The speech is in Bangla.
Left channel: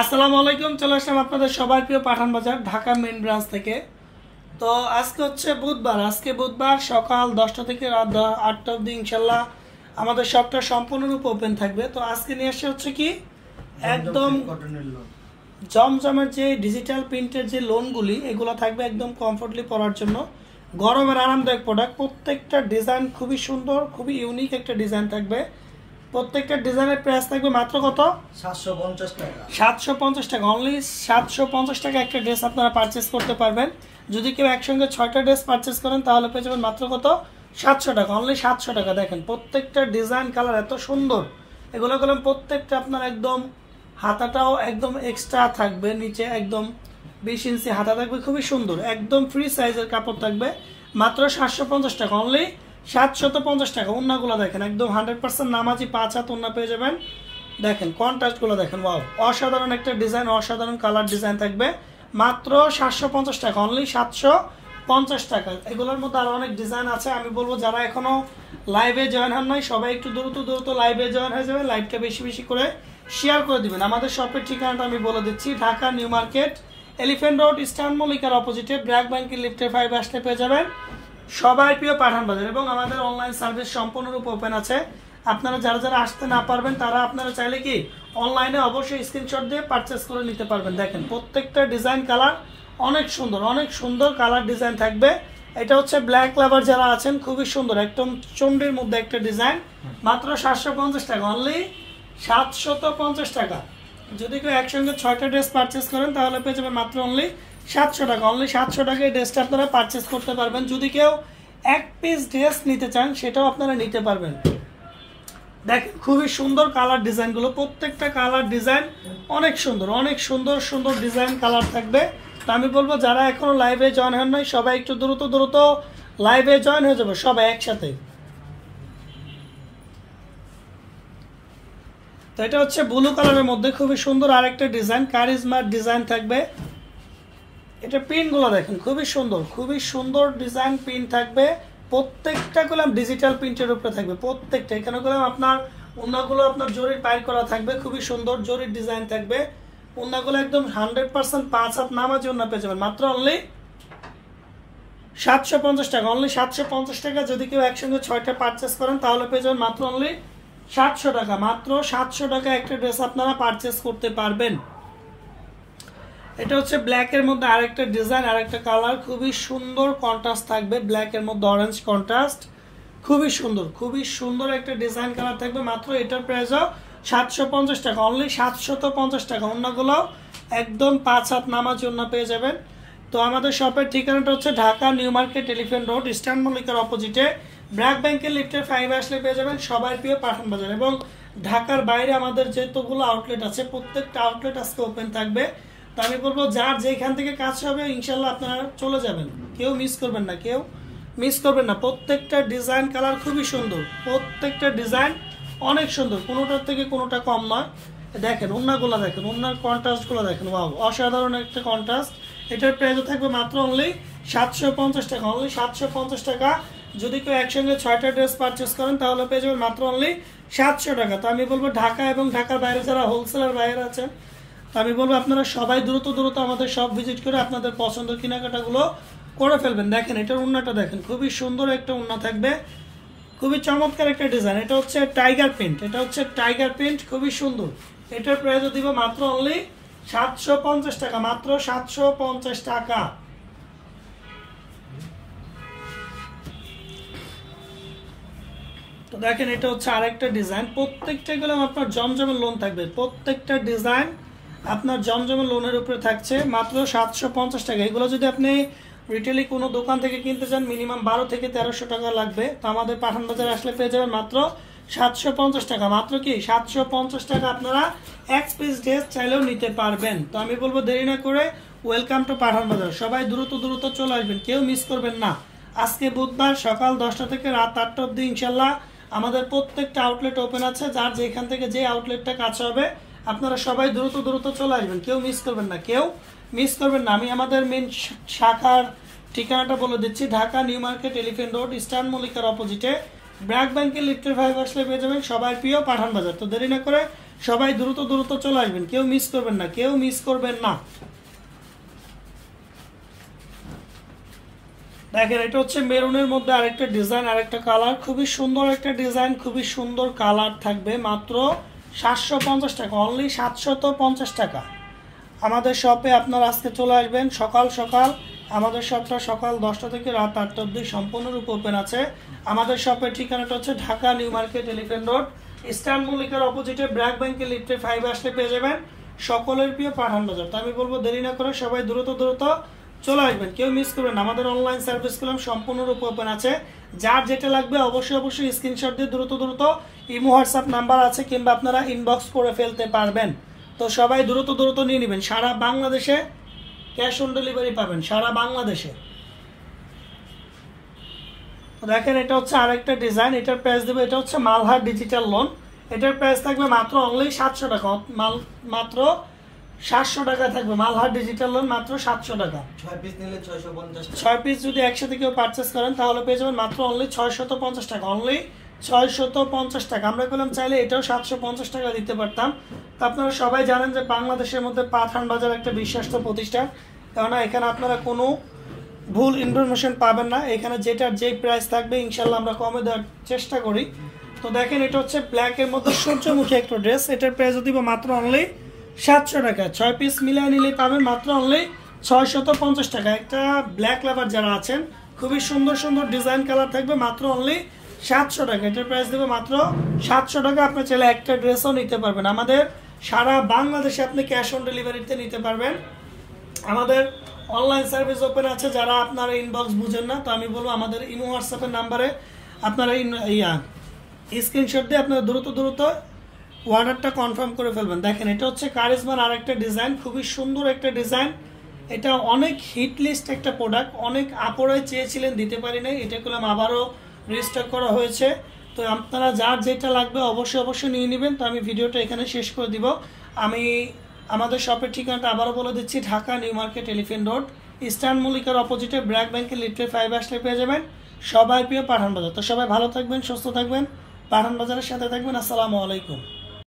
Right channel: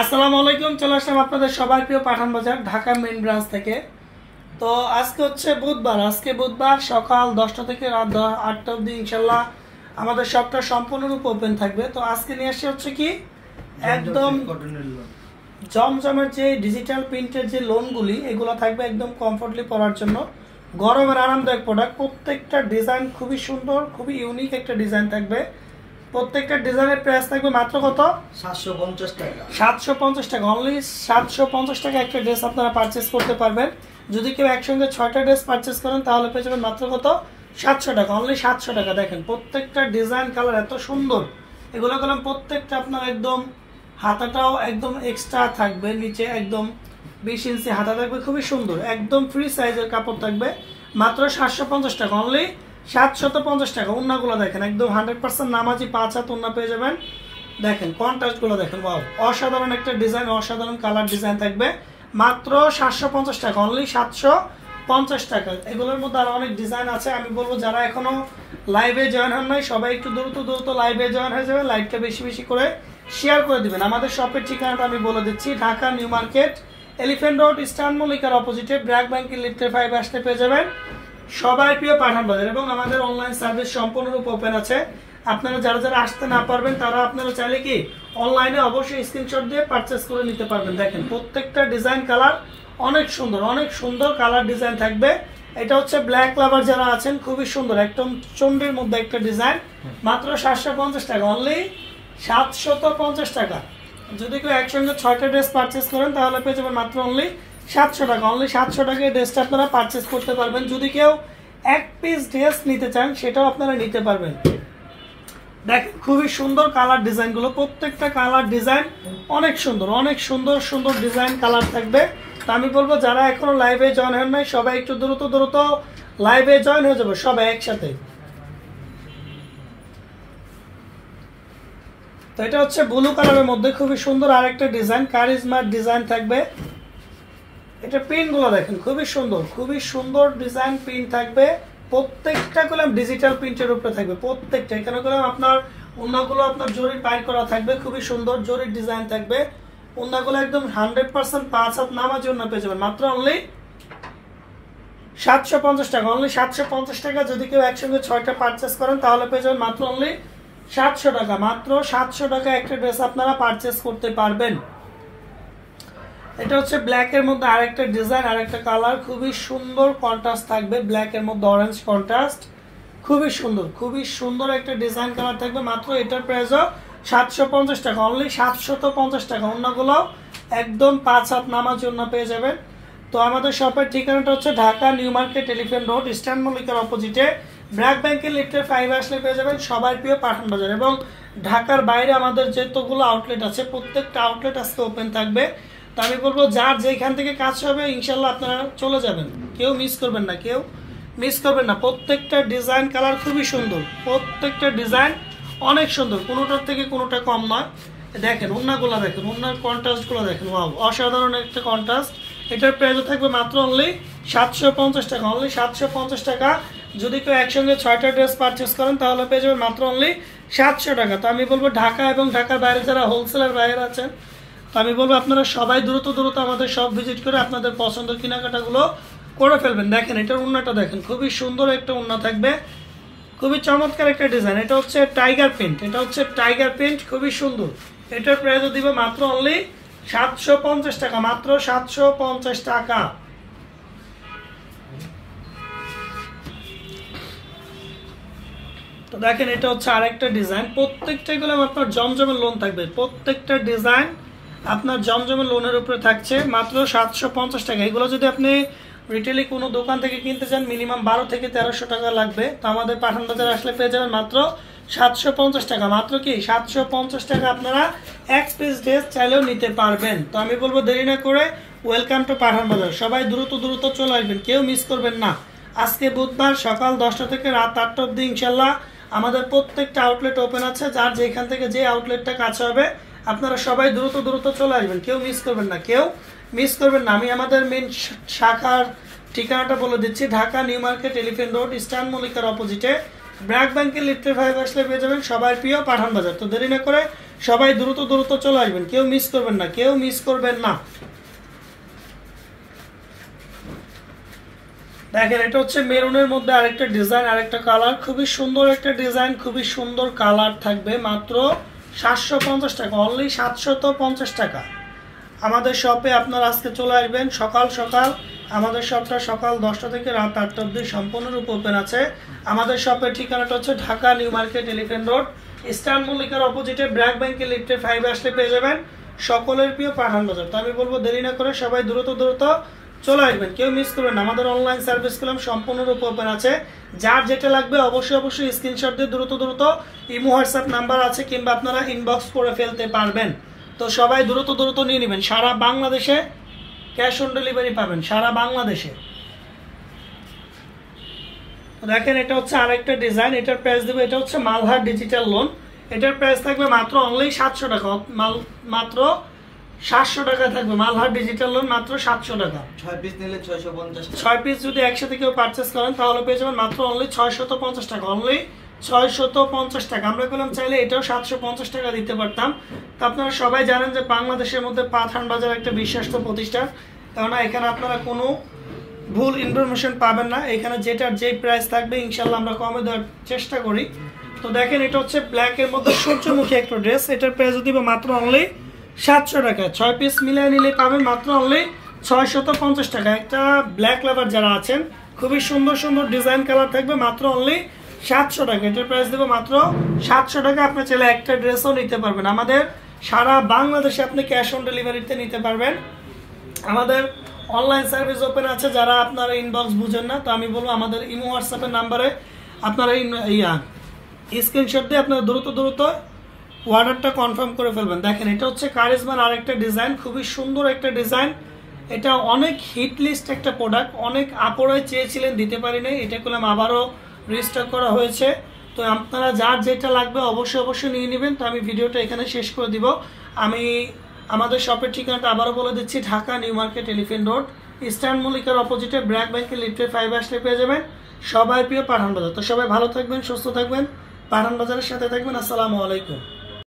আসসালামু আলাইকুম, চলে আসলাম আপনাদের সবার প্রিয় পাঠান বাজার ঢাকা মেইন ব্রাঞ্চ থেকে। তো আজকে হচ্ছে বুধবার, সকাল 10টা থেকে রাত 8টা অবধি ইনশাল্লাহ আমাদের শপটা সম্পূর্ণরূপে ওপেন থাকবে। তো আজকে নিয়ে আসি হচ্ছে কি একদম জমজমের যে ডিজিটাল প্রিন্টের যে লোনগুলি, এগুলো থাকবে একদম কমফোর্টলি পরার জন্য, গরমের আরামদায়ক প্রোডাক্ট। প্রত্যেকটা ডিজাইন খুবই সুন্দর, খুবই ইউনিক একটা ডিজাইন থাকবে। প্রত্যেকটা ডিজাইনের প্রাইস থাকবে মাত্র কত? 750 টাকা। 750 টাকা, অনলি 750 টাকা একটা ড্রেস আপনারা পারচেস করতে পারবেন। যদি কেউ একসঙ্গে 6টা ড্রেস পারচেস করেন তাহলে পেয়ে যাবেন মাত্র কত? 700 টাকা, অনলি 700 টাকা। দেখেন প্রত্যেকটা ডিজাইন কালার এত সুন্দর, এগুলো করলাম প্রত্যেকটা আপনার একদম হাতাটাও একদম এক্সট্রা থাকবে, নিচে একদম 20 ইঞ্চি হাতা থাকবে, খুবই সুন্দর, একদম ফ্রি সাইজের কাপড় থাকবে, মাত্র 750 টাকা, অনলি 750 টাকা। ওন্নাগুলো দেখেন একদম 100% নামাজি 5 হাত ওন্না পেয়ে যাবেন। দেখেন কন্ট্রাস্টগুলো দেখেন, ওয়াও, অসাধারণ একটা ডিজাইন, অসাধারণ কালার ডিজাইন থাকবে, মাত্র 750 টাকা, অনলি 750 টাকা। এগুলোর মধ্যে আরো অনেক ডিজাইন আছে। আমি বলবো যারা এখনো লাইভে জয়েন হন নাই, সবাই একটু দ্রুত লাইভে জয়েন হয়ে যাবেন, লাইভটা বেশি বেশি করে শেয়ার করে দিবেন। আমাদের শপের ঠিকানাটা আমি বলে দিচ্ছি, Dhaka New Market, Elephant Road, Eastern মল্লিকার অপোজিটে ব্র্যাক ব্যাংকের লিফটের 5 আসতে পেয়ে যাবেন সবাই প্রিয় পাঠান বাজার। এবং আমাদের অনলাইন সার্ভিস সম্পূর্ণরূপে ওপেন আছে। আপনারা যারা আসতে না পারবেন তারা আপনারা চাইলে কি অনলাইনে অবশ্যই স্ক্রিনশট দিয়ে পারচেস করে নিতে পারবেন। দেখেন প্রত্যেকটা ডিজাইন কালার অনেক সুন্দর কালার ডিজাইন থাকবে। এটা হচ্ছে ব্ল্যাক লাভার যারা আছেন, খুবই সুন্দর, একদম চন্ডীর মধ্যে একটা ডিজাইন, মাত্র 750 টাকা, অনলি 750 টাকা। যদি কেউ একসঙ্গে 6টা ড্রেস পারচেস করেন তাহলে পেয়ে যাবেন মাত্র অনলি 700 টাকা, অনলি 700 টাকায় ড্রেসটা আপনারা পারচেস করতে পারবেন। যদি কেউ এক পিস ড্রেস নিতে চান সেটাও আপনারা নিতে পারবেন। দেখেন খুবই সুন্দর কালার ডিজাইনগুলো, প্রত্যেকটা কালার ডিজাইন অনেক সুন্দর ডিজাইন কালার থাকবে। তো আমি বলবো যারা এখনো লাইভে জয়েন হন নাই সবাই একটু দ্রুত লাইভে জয়েন হয়ে যাবে সবাই একসাথে। তো এটা হচ্ছে ব্লু কালারের মধ্যে খুবই সুন্দর আরেকটা ডিজাইন, কারিজমার ডিজাইন থাকবে। এটা প্রিন্ট গুলো দেখেন খুবই সুন্দর ডিজাইন প্রিন্ট থাকবে। প্রত্যেকটা কলম ডিজিটাল প্রিন্টের উপরে থাকবে, প্রত্যেকটা। এখানে কলম আপনার ওন্নাগুলো আপনার জরির পাইর করা থাকবে, খুবই সুন্দর জরির ডিজাইন থাকবে। ওন্নাগুলো একদম 100% 5 হাত নামাজি ওন্না পেয়ে যাবেন, মাত্র অনলি 750 টাকা, অনলি 750 টাকা। যদি কেউ একসঙ্গে 6টা পারচেস করেন তাহলে পেয়ে যাবেন মাত্র অনলি 700 টাকা, মাত্র 700 টাকা একটা ড্রেস আপনারা পারচেস করতে পারবেন। এটা হচ্ছে ব্ল্যাক এর মধ্যে আরেকটা ডিজাইন, আরেকটা কালার, খুবই সুন্দর কন্ট্রাস্ট থাকবে, ব্ল্যাক এর মধ্যে অরেঞ্জ কন্ট্রাস্ট, খুবই সুন্দর একটা ডিজাইন কালার থাকবে। মাত্র এটার প্রাইসও 750 টাকা, অনলি 750 টাকা। ওন্নাগুলো একদম 5 হাত নামাজি ওন্না পেয়ে যাবেন। তো আমাদের শপের ঠিকানাটা হচ্ছে Dhaka New Market, Elephant Road, Eastern মল্লিকার অপোজিটে ব্র্যাক ব্যাংকের লিফটের 5 আসলে পেয়ে যাবেন সবার প্রিয় পাঠান বাজার। এবং ঢাকার বাইরে আমাদের যেতগুলো আউটলেট আছে প্রত্যেকটা আউটলেট আজকে ওপেন থাকবে। তো আমি বলবো যার যেখান থেকে কাজ হবে ইনশাল্লাহ আপনারা চলে যাবেন, কেউ মিস করবেন না। প্রত্যেকটা ডিজাইন কালার খুবই সুন্দর, প্রত্যেকটা ডিজাইন অনেক সুন্দর, কোনোটার থেকে কোনোটা কম নয়। দেখেন ওন্নাগুলো দেখেন, ওন্নার কন্ট্রাস্টগুলো দেখেন, ওয়াও, অসাধারণ একটা কন্ট্রাস্ট। এটার প্রাইস থাকবে মাত্র অনলি 750 টাকা, অনলি 750 টাকা। যদি কেউ একসঙ্গে 6টা ড্রেস পারচেস করেন তাহলে পেয়ে যাবেন মাত্র অনলি 700 টাকা। তো আমি বলবো ঢাকা এবং ঢাকার বাইরে যারা হোলসেলার বাইরে আছেন, তো আমি বলবো আপনারা সবাই দ্রুত আমাদের সব ভিজিট করে আপনাদের পছন্দের কেনাকাটাগুলো করে ফেলবেন। দেখেন এটার ওন্নাটা দেখেন, খুবই সুন্দর একটা ওন্না থাকবে, খুবই চমৎকার একটা ডিজাইন। এটা হচ্ছে টাইগার প্রিন্ট, খুবই সুন্দর। এটার প্রাইসও দিবে মাত্র অনলি 750 টাকা, মাত্র 750 টাকা। তো দেখেন এটা হচ্ছে আরেকটা ডিজাইন, প্রত্যেকটা গুলো আপনার জমজমের লোন থাকবে, প্রত্যেকটা ডিজাইন আপনার জমজমের লোনের উপরে থাকছে, মাত্র 750 টাকা। এগুলো যদি আপনি রিটেলে কোনো দোকান থেকে কিনতে চান মিনিমাম 1200 থেকে 1300 টাকা লাগবে। তো আমাদের পাঠান বাজার আসলে পেয়ে যাবেন মাত্র 750 টাকা, মাত্র কি 750 টাকা আপনারা এক পিস ড্রেস চাইলেও নিতে পারবেন। তো আমি বলবো দেরি না করে ওয়েলকাম টু পাঠান বাজার, সবাই দ্রুত দ্রুত চলে আসবেন, কেউ মিস করবেন না। আজকে বুধবার সকাল 10টা থেকে রাত 8টা অবধি ইনশাল্লাহ আমাদের প্রত্যেকটা আউটলেট ওপেন আছে। যার যেখান থেকে যে আউটলেটটা কাছে হবে আপনারা সবাই দ্রুত দ্রুত চলে আসবেন, কেউ মিস করবেন না, কেউ মিস করবেন না। আমি আমাদের মেন শাখার ঠিকানাটা বলে দিচ্ছি, Dhaka New Market Elephant Road Eastern মল্লিকার অপোজিটে ব্র্যাক ব্যাংকের লিফটের 5 আসলে পেয়ে যাবেন সবার প্রিয় পাঠান বাজার। তো দেরি না করে সবাই দ্রুত দ্রুত চলে আসবেন, কেউ মিস করবেন না, কেউ মিস করবেন না। দেখেন এটা হচ্ছে মেরুনের মধ্যে আরেকটা ডিজাইন, আরেকটা কালার, খুবই সুন্দর একটা ডিজাইন, খুবই সুন্দর কালার থাকবে, মাত্র 750 টাকা, অনলি 750 টাকা। আমাদের শপে আপনারা আজকে চলে আসবেন সকাল সকাল। আমাদের শপটা সকাল 10টা থেকে রাত 8টা অবধি সম্পূর্ণরূপে ওপেন আছে। আমাদের শপের ঠিকানাটা হচ্ছে Dhaka New Market Elephant Road Eastern মল্লিকার অপোজিটে ব্র্যাক ব্যাংকের লিফটে 5 আসলে পেয়ে যাবেন সকলের প্রিয় পাঠান বাজার। তো আমি বলবো দেরি না করে সবাই দ্রুত দ্রুত চলে আসবেন, কেউ মিস করবেন না। আমাদের অনলাইন সার্ভিস করলাম সম্পূর্ণরূপে ওপেন আছে। যার যেটা লাগবে অবশ্যই স্ক্রিনশট দিয়ে দ্রুত দ্রুত ইমো হোয়াটসঅ্যাপ নাম্বার আছে, কিংবা আপনারা ইনবক্স করে ফেলতে পারবেন। তো সবাই দ্রুত দ্রুত নিয়ে নেবেন, সারা বাংলাদেশে ক্যাশ অন ডেলিভারি পাবেন, সারা বাংলাদেশে। দেখেন এটা হচ্ছে আরেকটা ডিজাইন, এটার প্রাইস দেবো, এটা হচ্ছে মালহার ডিজিটাল লোন, এটার প্রাইস থাকবে মাত্র অনলি 700 টাকা, মাত্র 700 টাকা থাকবে। মালহার ডিজিটাল লোন মাত্র 700 টাকা। 6 পিস নিলে 650 টাকা। 6 পিস যদি একসাথে কেউ পারচেস করেন তাহলে পেয়ে যাবেন মাত্র অনলি 650 টাকা, অনলি 650 টাকা। আমরা বললাম চাইলে এটাও 750 টাকা দিতে পারতাম। তো আপনারা সবাই জানেন যে বাংলাদেশের মধ্যে পাঠান বাজার একটা বিশ্বস্ত প্রতিষ্ঠান, কেননা এখানে আপনারা কোনো ভুল ইনফরমেশন পাবেন না। এখানে যেটার যে প্রাইস থাকবে ইনশাল্লাহ আমরা কমে দেওয়ার চেষ্টা করি। তো দেখেন এটা হচ্ছে ব্ল্যাকের মধ্যে সূর্যমুখী একটা ড্রেস, এটার প্রাইস দিব মাত্র অনলি 700 টাকা। 6 পিস মিলিয়ে নিলে পাবেন মাত্র অনলি 650 টাকা। একটা ব্ল্যাক লাভার যারা আছেন, খুবই সুন্দর সুন্দর ডিজাইন কালার থাকবে, মাত্র অনলি 700 টাকা। এটার প্রাইস দেবো মাত্র 700 টাকা। আপনি চাইলে একটা ড্রেসও নিতে পারবেন, আমাদের সারা বাংলাদেশে আপনি ক্যাশ অন ডেলিভারিতে নিতে পারবেন। আমাদের অনলাইন সার্ভিস ওপেন আছে, যারা আপনারা ইনবক্স বুঝেন না তো আমি বলবো আমাদের ইমো হোয়াটসঅ্যাপের নাম্বারে আপনারা স্ক্রিনশট দিয়ে আপনারা দ্রুত দ্রুত অর্ডারটা কনফার্ম করে ফেলবেন। দেখেন এটা হচ্ছে কারিজমার আরেকটা ডিজাইন, খুবই সুন্দর একটা ডিজাইন, এটা অনেক হিট লিস্ট একটা প্রোডাক্ট, অনেক আপুরাই চেয়েছিলেন দিতে পারি নাই, এটা করলাম আবারও রিস্টক করা হয়েছে। তো আপনারা যার যেটা লাগবে অবশ্যই নিয়ে নেবেন। তো আমি ভিডিওটা এখানে শেষ করে দিব। আমি আমাদের শপের ঠিকানাটা আবারও বলে দিচ্ছি, Dhaka New Market Elephant Road Eastern মল্লিকার অপোজিটে ব্র্যাক ব্যাংকের লিফটের 5 আসলে পেয়ে যাবেন সবাই প্রিয় পাঠান বাজার। তো সবাই ভালো থাকবেন, সুস্থ থাকবেন, পাঠান বাজারের সাথে থাকবেন। আসসালামু আলাইকুম।